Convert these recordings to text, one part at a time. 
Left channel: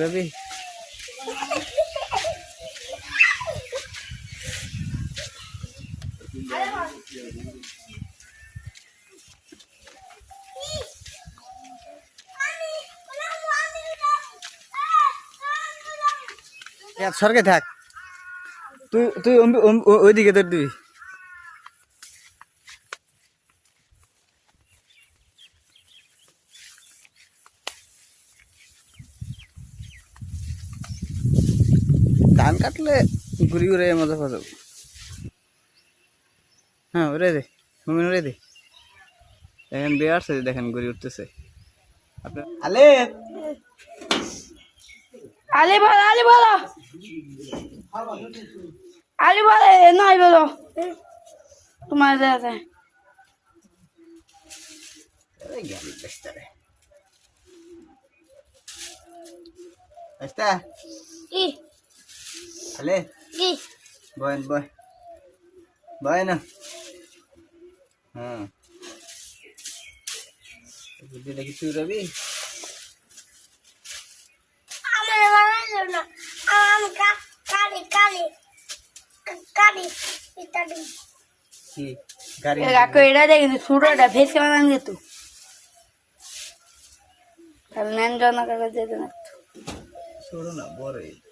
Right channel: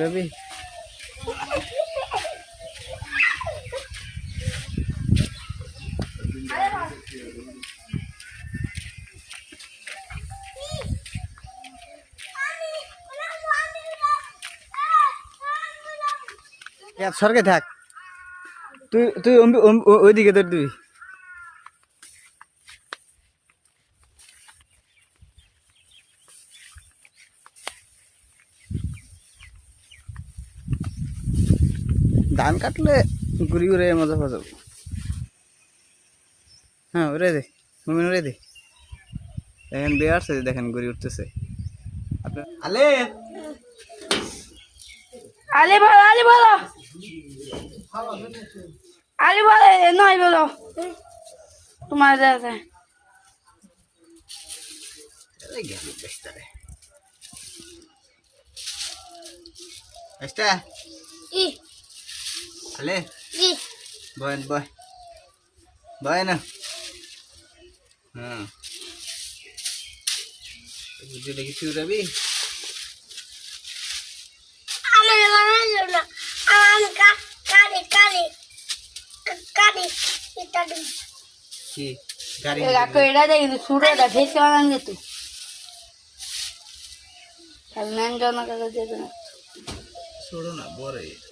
রবি সরকে থাক। তুই তুই ওইদিকে তোর দিবি। ধান কাটলে ঘুরি ঘুরে মজা পাওয়া যাবে। হ্যাঁ ওরে দে মুমিন ওরে দে। দেখেন বিয়ে আসছে দেখেন ঘুরি উঠতেছে। আপনার আলে! আলি বলো আলি বলো। আলি বলো এ নয় বলো। তোমার দাদা এই গেল বেস্তারে বেস্তা ই আলে ই বয়েন বয় বয় না হ্যাঁ বুঝিটা কিছু রবি আমার মনে না আমি কালি কালি কালি ইত্যাদি কি গাড়ি কাকু এটা দেখি সুরটা ভেসে বানান যেত তাহলে নেন জমা কাগজ যেত না ছোড়ো না বড় আলিবেন ধরেন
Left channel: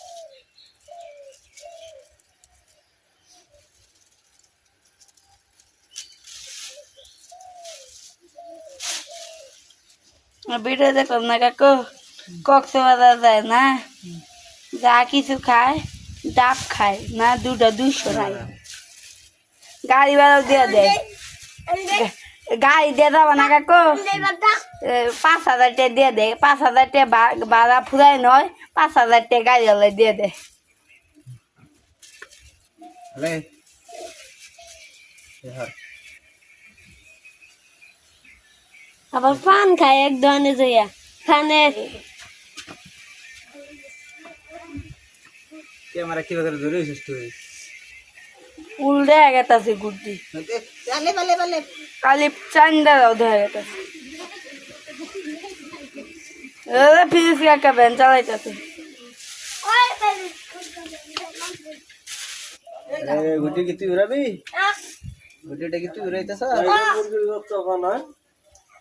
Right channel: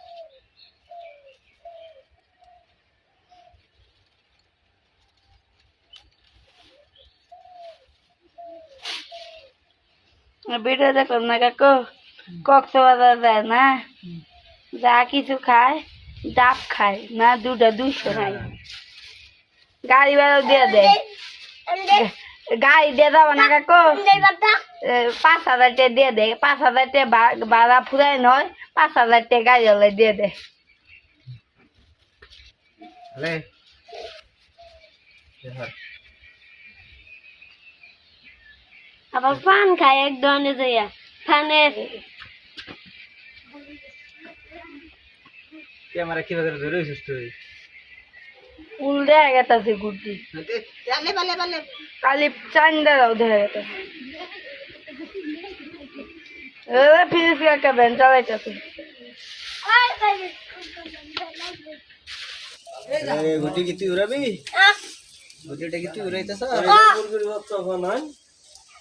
ভিডিও দেখলাম না কাকু। কক্সবাজার যায় না। যা কিছু খায়, ডাব খায়, না দুটা দুইশো নাই। গাড়ি ভাড়া দিয়ে দেয় গাড়ি দিয়ে যাব না কাকু? পাঁচ হাজার টাকা দিয়ে দেয় পাঁচ হাজার টাকা ভাড়া ফুরাই নয়, পাঁচ হাজার টাকা গাড়ি হলে দিয়ে দেয় আলে আবার পান খায় এক ধরনের যাইয়া ফানের ক্যামেরা কীভাবে ধরে হইছিস তুই উল্টে গেতাছে বালে কালি চান্দা দাও ধরে গেতাছে এ ফিস কাকা ভ্যান চালাইতাছে এ গুটি কি তুই উড়াবি গুটিটা কি তুই উড়াইতেছ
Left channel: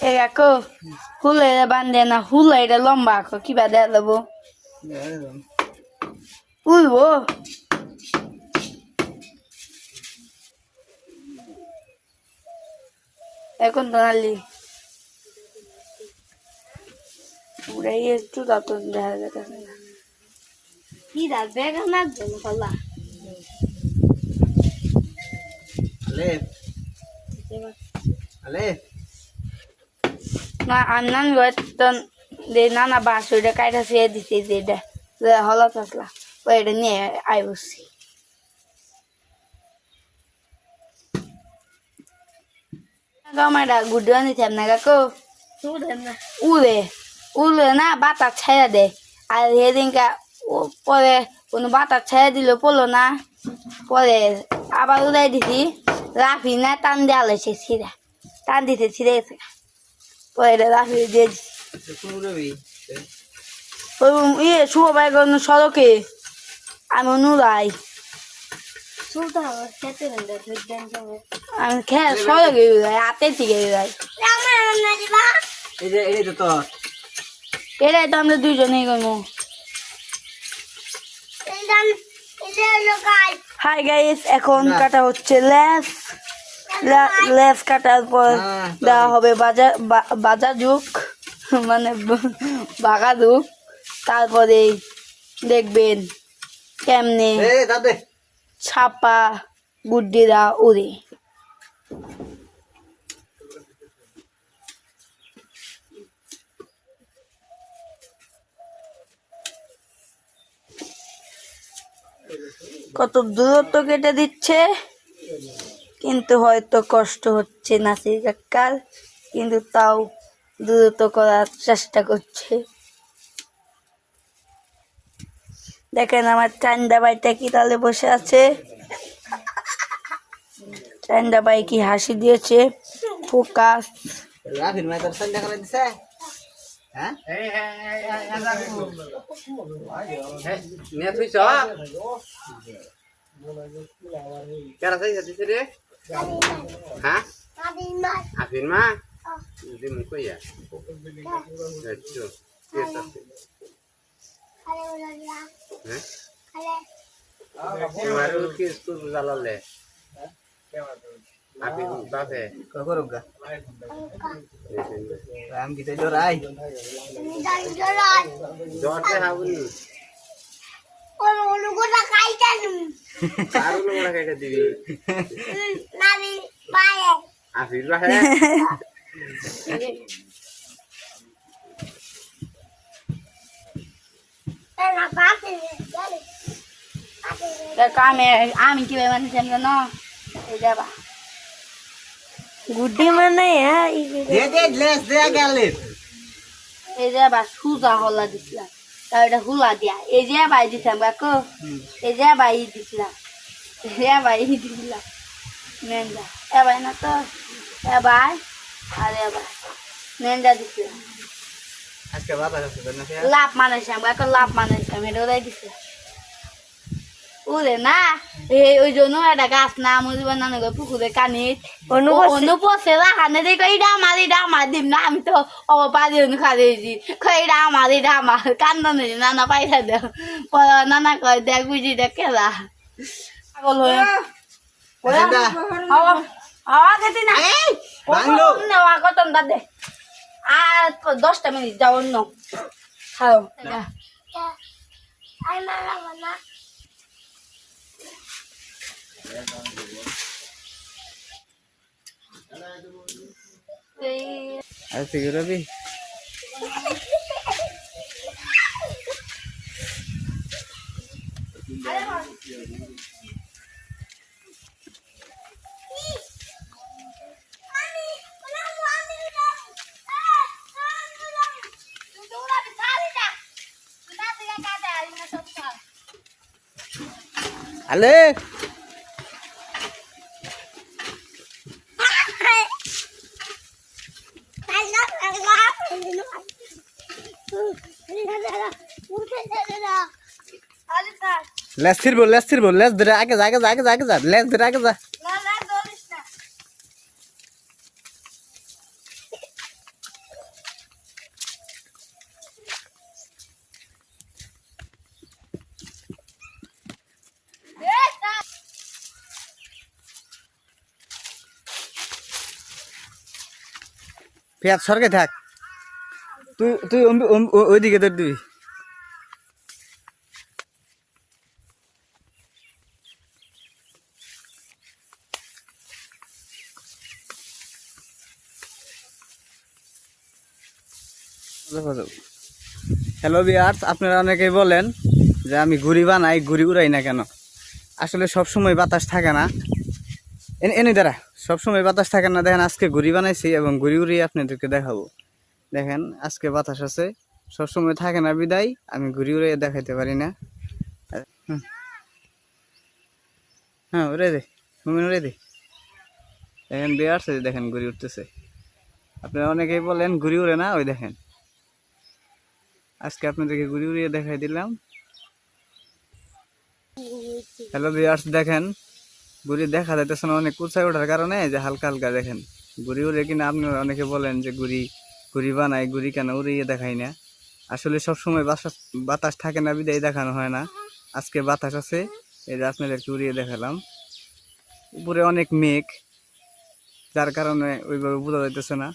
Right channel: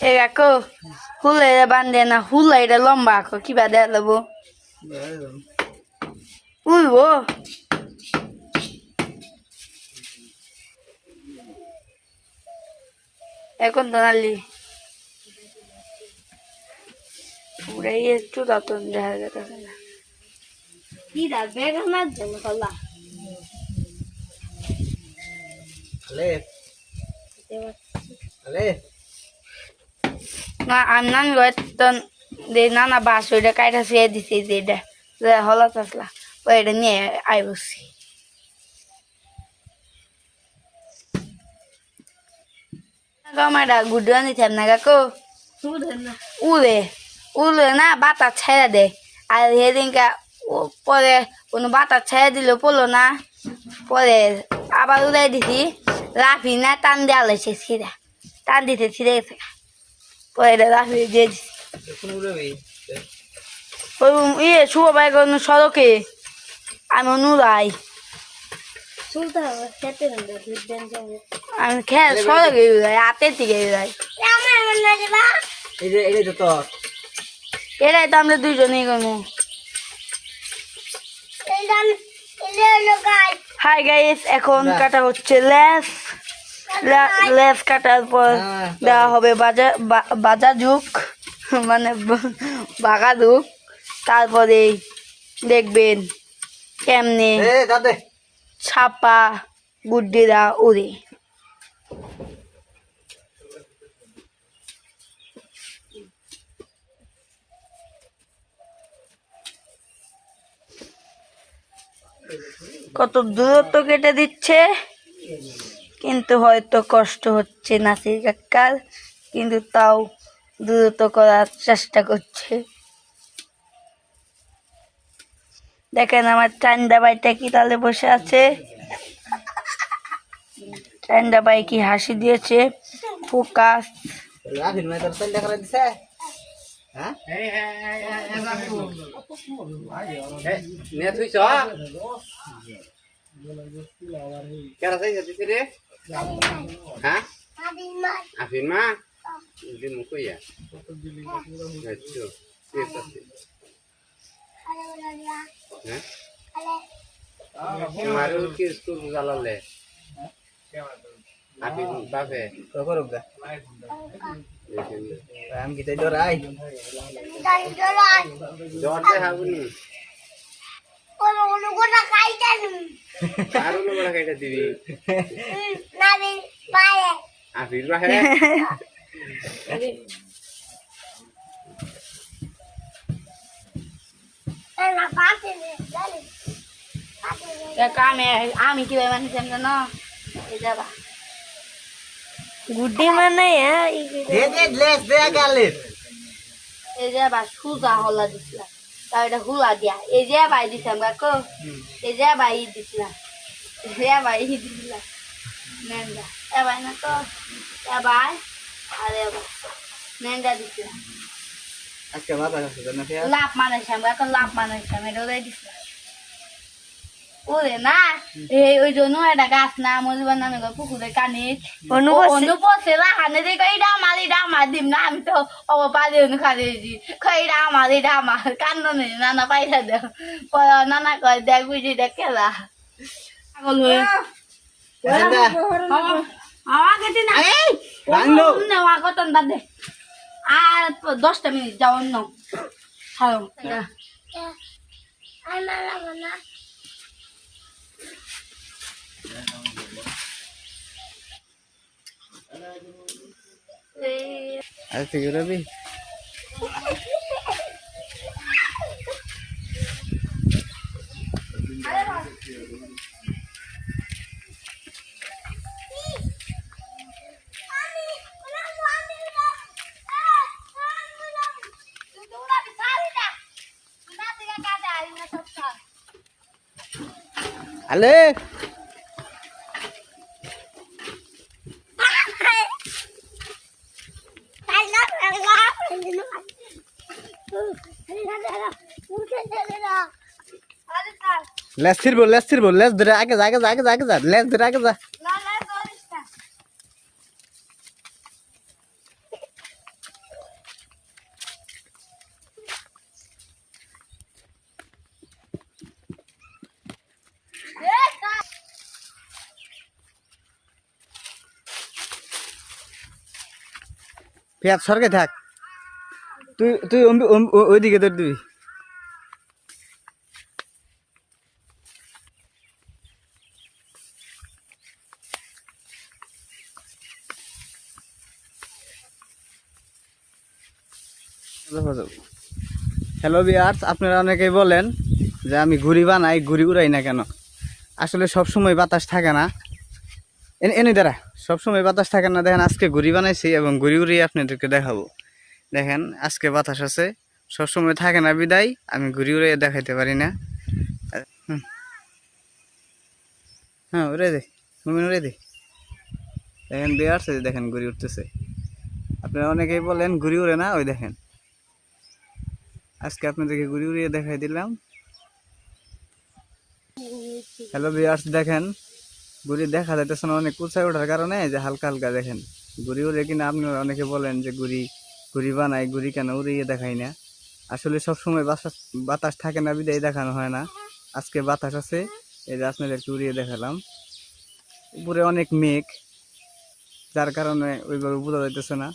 এ কাকু হুলে বান্ধে না হুলা এটা লম্বা আঁকো কিবা দেয়া দেবো উলবো এখন তো নালি। উড়াই একটু দাঁতন দেখা যেতেছে না। কি দাঁত? বেগানার জন্য আলে না বাস ওইটা কাইটা শুয়ে দিছে যে এটা যে হলা আসলা ওইটা নিয়ে আই বসছি। গামাটা গুড্ডু আনিতাম না কাকু? উড়ে উড়লে না বাতাস ছেড়ে দেয় আর সেদিনকে পরে কোনো বাতাস ছেড়ে দিলে পড়ল না। পরে আবার উড়াই দিছি। রাফি না টান দেওয়া লেছে ছিঁড়া টান দিতে ছিঁড়ে গেছে পরে রাফি দিয়ে দিছি কোন উড়াবি ওই ইয়ে শুভ ভাই সড়কে আমি নুরাই আমি খেয়ে সড়কে উড়াই হাতে থেকে উড়াই এই যে এই যে তোর এটাই তো আমরা দুজনেই করব হাই গাইস এখন কাটা হচ্ছে লেস লেস কাটার পর না, দেওয়া হবে বাজার বা- বাজা যুগ মানে বাঘা যুগ তারপরে দেখবেন কেমনে ছাপা গুড্ডিরা উড়ে। কত দূরত্ব কেটে দিচ্ছে? কিন্তু হয়তো কষ্ট হচ্ছে নাসির কাকার কিন্তু তাও দ্রুত করার চেষ্টা করছে। দেখেন আমার চান্দা বাইটা কি তাহলে বসে আছে? চান্দা বাই কি হাসি দিয়েছে? ফোকাস। হ্যাঁ? হ্যাঁ? আফিন মা? দিন কইয়া আচ্ছা কে তাতে হ্যাঁ? কি স্কুল জালালে আফিন বাপে? করুগা? রাম কি তাই ডরাই জর্জে হাবুনি আরও লোক কাইটা দিবি। আফির বাহে আমি মানে জানো এই যাবা গুড্ডি মানে দে দে গ্লাস দে গেলে এই যে সুজা হলা দিছিলাম। তার এটা হুলা দিয়া এই যে বাই দিছিলাম কাকু এই যে বাই দিছিলাম এই যে বাই দিছিলাম নেন্ডা এবার না তো এবার আর এবার। নেন্ডা দিছিলাম আজকে বাবা কাছে না ফিয়া লাভ মানাইছিলাম কাকু লাভ মানাইছিলাম এটা ওরাই দিছিলাম। ওরে না এই ওই জন্য একটা গাছ না মরিবার নানা পুকুরে কানে অনুপস্থিত অনুপস্থিত রাখানে যে কইটা আমার এটা আমার দিম না আমি তো ও পারি অনুখা দিয়েছি কইটা আমার এটা আমার কান্না নেই নানা পাইসা দেও। পরে নানা কয় দেখ বুঝি দেখ কত আর দশটা মিনিট যাও অন্য। হ্যালো। আজ থেকে রবি আলে লেস ছিড়বো লেস ছিড়বো লেস ধরে আগে যা আগে যা আগে যা আগে যা লেস ধরে আগে যা। পেঁয়াজ সরকে থাক। তুই তুই ওইদিকে ধর দিবি। হ্যালো বিয়ার্স আপনারা অনেকেই বলেন যে আমি ঘুড়ি বানাই, ঘুড়ি উড়াই না কেন? আসলে সব সময় বাতাস থাকে না। এনে দাঁড়া, সবসময় বাতাস থাকে না। দেখেন, আজকে ঘুড়ি বানাইছি এবং ঘুড়ি উড়িয়ে আপনাদেরকে দেখাবো। দেখেন, আজকে বাতাস আছে। সবসময় থাকে না বিদায়, আমি ঘুরি উড়ে দেখাইতে পারি না। হ্যাঁ উড়ে দে, মুমিন উড়ে দে। দেখেন যে দেখেন ঘুরি উঠতেছে আপনারা অনেকেই বলেন ঘুরি উড়ে না, ওই দেখেন। আজকে আপনাদেরকে ঘুরি উড়িয়ে দেখাই দিলাম। হ্যালো বিয়ার্স দেখেন ঘুরি দেখা যাইতেছে না অনেক কুচায় ওঠার কারণে যে হালকা হালকা দেখেন। ঘুরি উড়ে কিনা আপনারা অনেকে বলেন যে ঘুরি ঘুরি বানাই ঘুরি কেন উড়িয়ে দেখাই না। আসলে সবসময় বাতাস বাতাস থাকে না বিদায় দেখানো হয় না। আজকে বাতাস আছে এই যে আপনাদেরকে উড়িয়ে দেখালাম। উপরে অনেক মেঘ যার কারণে ওইভাবে বোঝা যাইতেছে না।